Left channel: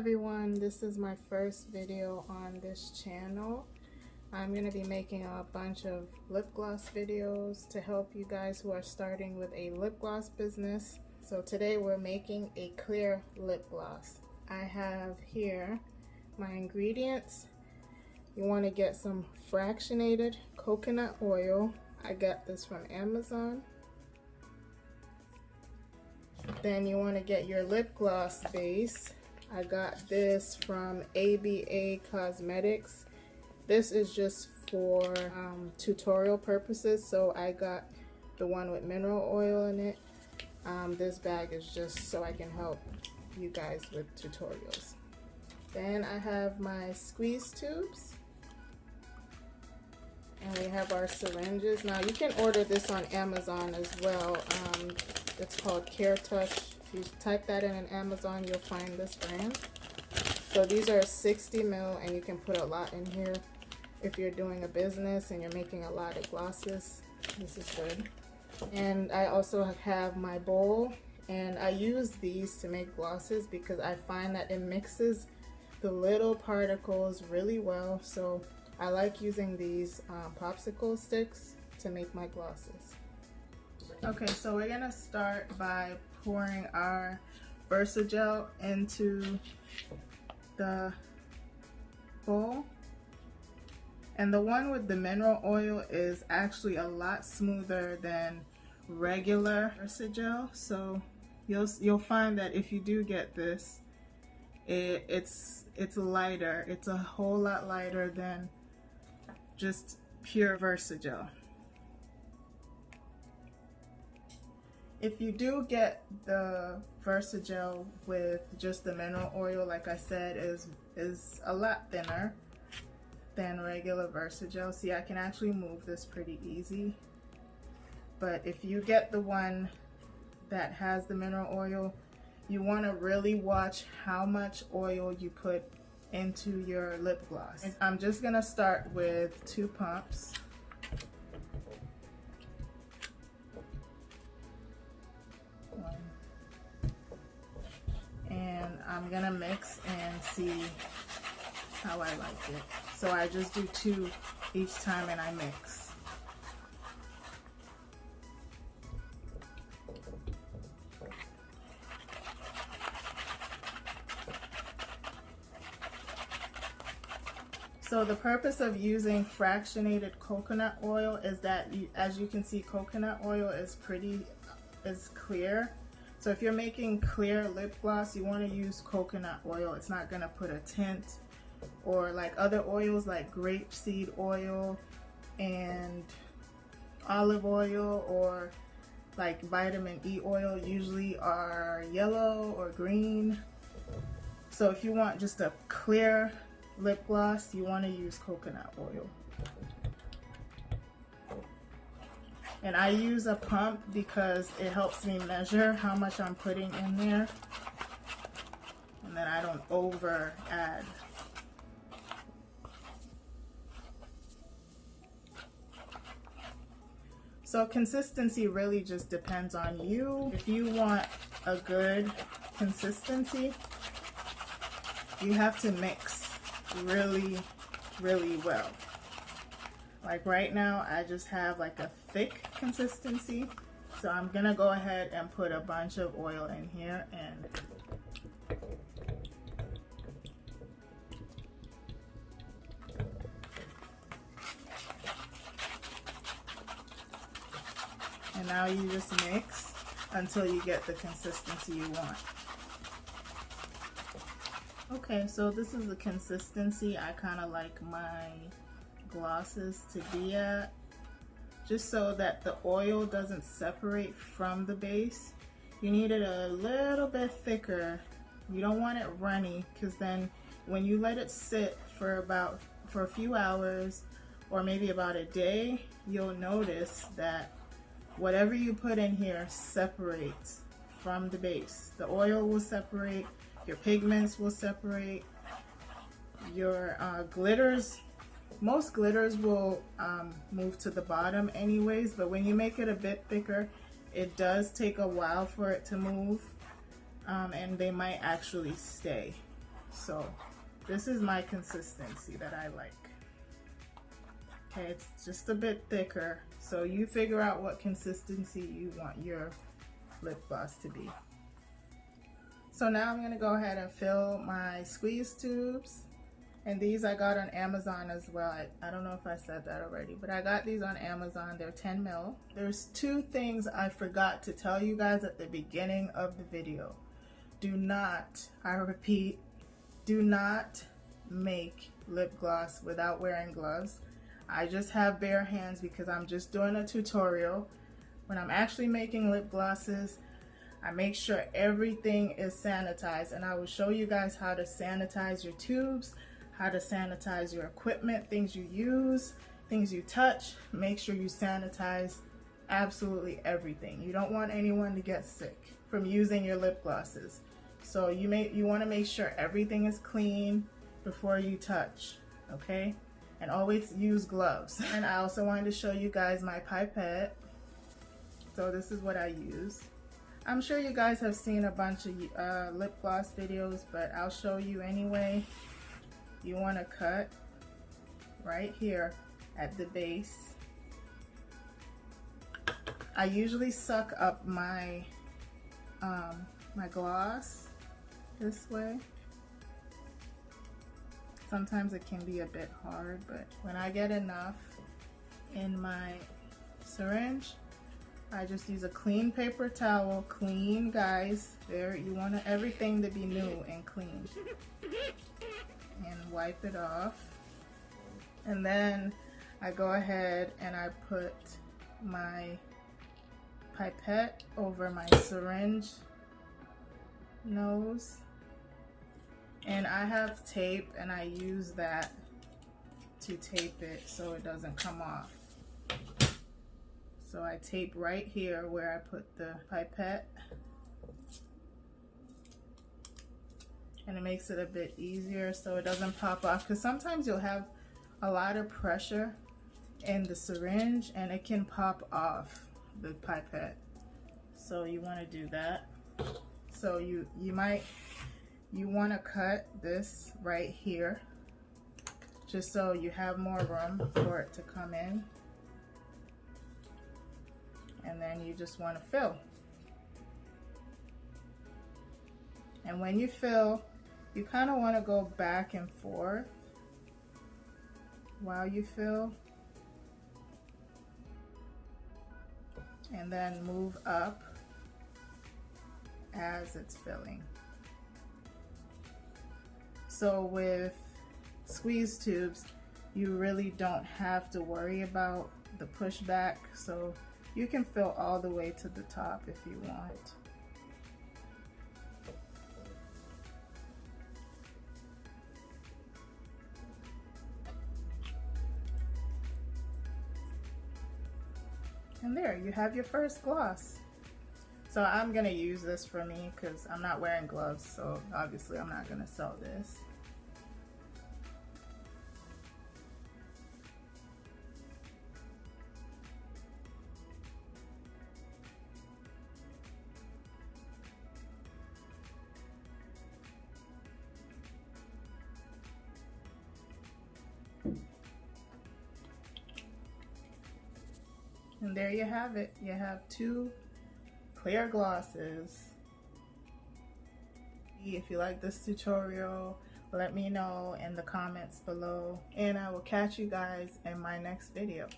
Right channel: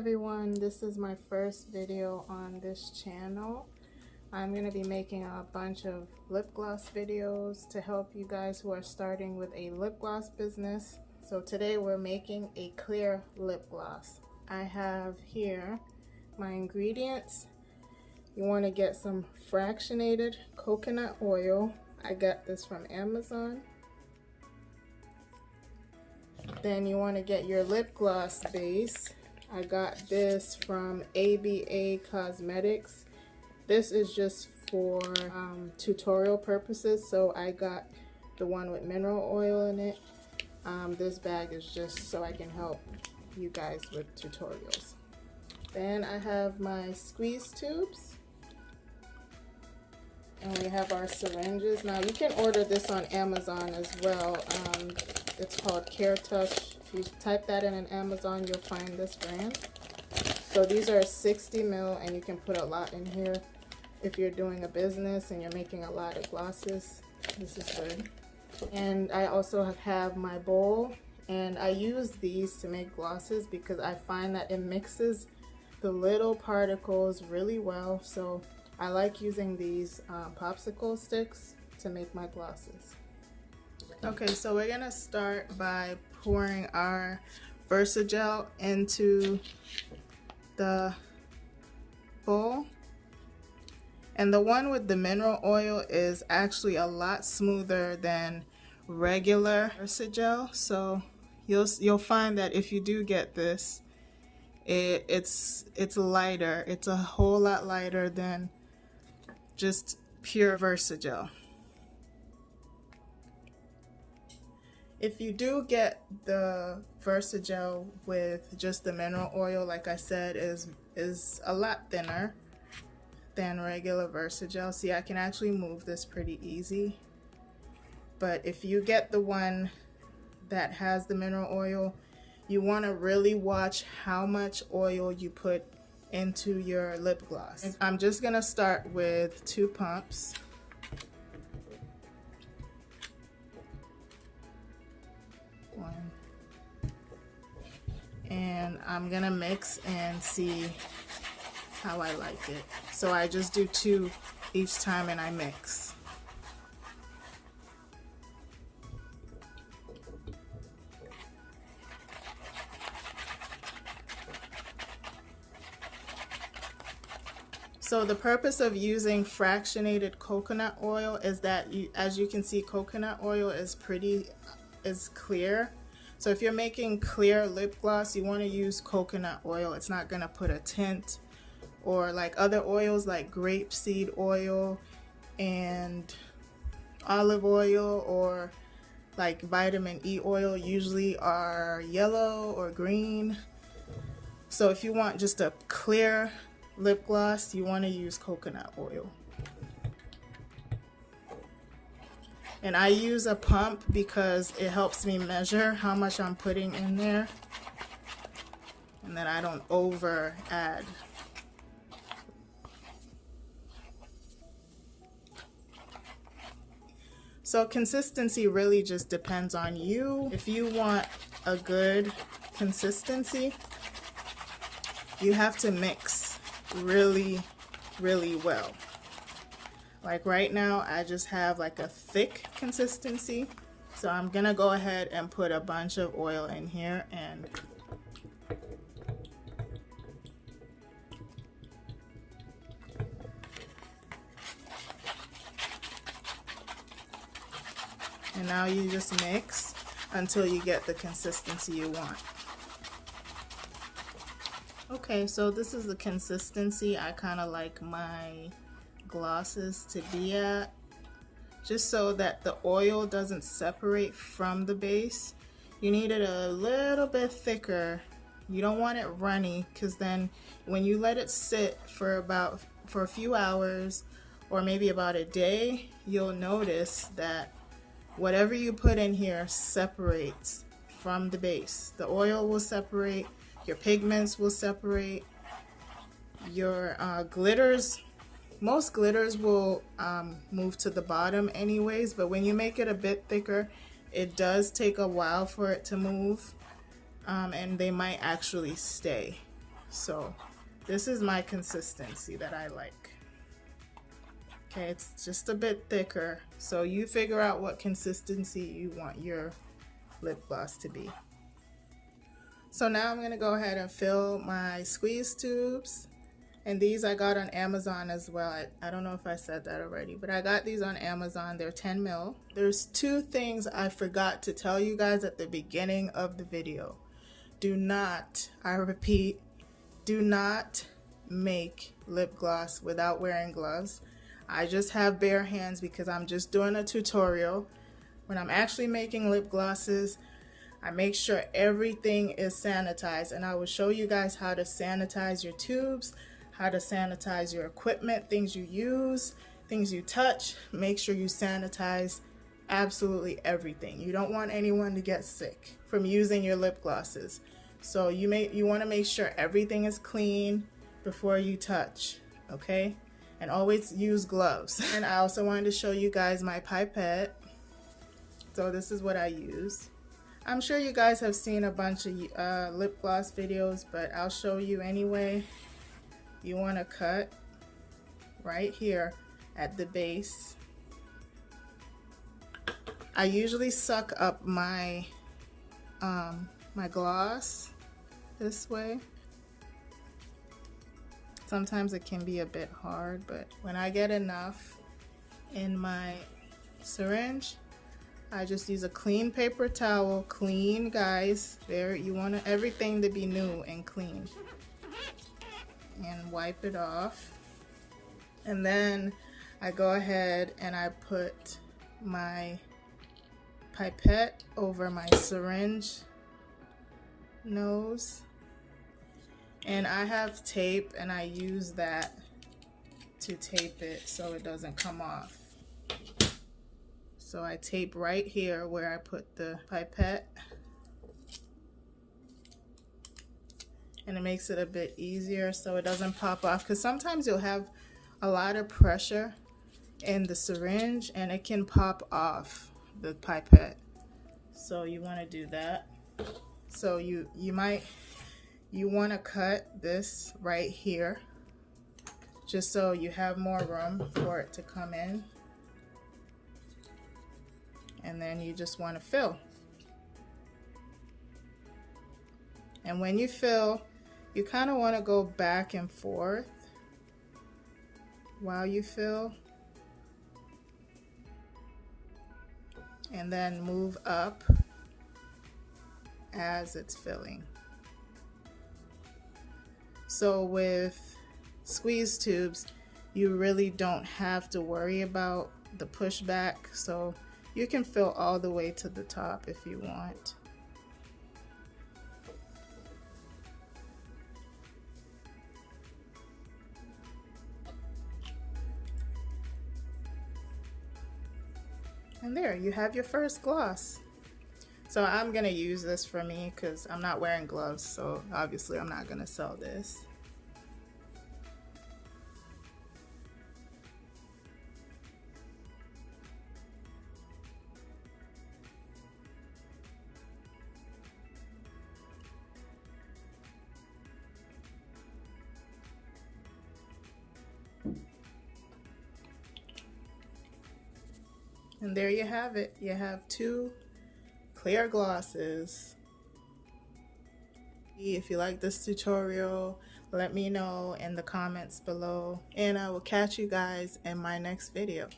everyone, this is my first video on this channel. I'm going to be making a bunch of lip gloss videos to help you guys who are starting with a lip gloss business. So today we're making a clear lip gloss. I have here my ingredients. You want to get some fractionated coconut oil. I got this from Amazon. Then you want to get your lip gloss base. I got this from ABA Cosmetics. This is just for tutorial purposes, so I got the one with mineral oil in it. This bag is just so I can help you guys with tutorials. Then I have my squeeze tubes. And we have our syringes. Now you can order this on Amazon as well. It's called Care Touch. If you type that in Amazon, you'll find this brand. So these are 60 ml, and you can put a lot in here. If you're doing a business and you're making a lot of glosses, this is good. And I also have my bowl, and I use these to make glosses because I find that it mixes the little particles really well. So I like using these popsicle sticks to make my glosses. Okay, so we're gonna start by pouring our Versagel into the bowl. And the one with the mineral oil is actually a lot smoother than regular Versagel. So you'll find that if you do get this, it's lighter. It's a whole lot lighter than just pure Versagel. If you do get the Versagel with just the mineral oil, like I said, is a lot thinner than regular Versagel. See, I can actually move this pretty easy. But if you get the one that has the mineral oil, you want to really watch how much oil you put into your lip gloss. I'm just gonna start with 2 pumps. And I'm gonna mix and see how I like it. So I just do 2 each time and I mix. So the purpose of using fractionated coconut oil is that, as you can see, coconut oil is clear. So if you're making clear lip gloss, you want to use coconut oil. It's not going to put a tint, or like other oils like grapeseed oil and olive oil, or like vitamin E oil usually are yellow or green. So if you want just a clear lip gloss, you want to use coconut oil. And I use a pump because it helps me measure how much I'm putting in there, and then I don't over add. So consistency really just depends on you. If you want a good consistency, you have to mix really, really well. Like right now, I just have like a thick consistency. So I'm gonna go ahead and put a bunch of oil in here and now you just mix until you get the consistency you want. Okay, so this is the consistency I kind of like my glosses to be at, just so that the oil doesn't separate from the base. You need it a little bit thicker. You don't want it runny, because then when you let it sit for a few hours or maybe about a day, you'll notice that whatever you put in here separates from the base. The oil will separate, your pigments will separate, your glitters. Most glitters will move to the bottom anyways, but when you make it a bit thicker, it does take a while for it to move, and they might actually stay. So this is my consistency that I like. Okay, it's just a bit thicker, so you figure out what consistency you want your lip gloss to be. So now I'm going to go ahead and fill my squeeze tubes, and these I got on Amazon as well. I don't know if I said that already, but I got these on Amazon. They're 10 mil. There's two things I forgot to tell you guys at the beginning of the video. Do not, I repeat, do not make lip gloss without wearing gloves. I just have bare hands because I'm just doing a tutorial. When I'm actually making lip glosses, I make sure everything is sanitized, and I will show you guys how to sanitize your tubes, how to sanitize your equipment, things you use, things you touch. Make sure you sanitize absolutely everything. You don't want anyone to get sick from using your lip glosses. So you want to make sure everything is clean before you touch, okay? And always use gloves. And I also wanted to show you guys my pipette. So this is what I use. I'm sure you guys have seen a bunch of lip gloss videos, but I'll show you anyway. You want to cut right here at the base. I usually suck up my my gloss this way. Sometimes it can be a bit hard, but when I get enough in my syringe, I just use a clean paper towel. Clean, guys. There, you want everything to be new and clean. And wipe it off. And then I go ahead and I put my pipette over my syringe nose. And I have tape, and I use that to tape it so it doesn't come off. So I tape right here where I put the pipette, and it makes it a bit easier so it doesn't pop off, because sometimes you'll have a lot of pressure in the syringe and it can pop off the pipette. So you want to do that. So you want to cut this right here just so you have more room for it to come in. And then you just want to fill. And when you fill, you kind of want to go back and forth while you fill. And then move up as it's filling. So with squeeze tubes, you really don't have to worry about the pushback. So you can fill all the way to the top if you want. And there, you have your first gloss. So I'm gonna use this for me because I'm not wearing gloves, so obviously I'm not gonna sell this. And there you have it. You have two clear glosses. If you like this tutorial, let me know in the comments below, and I will catch you guys in my next video.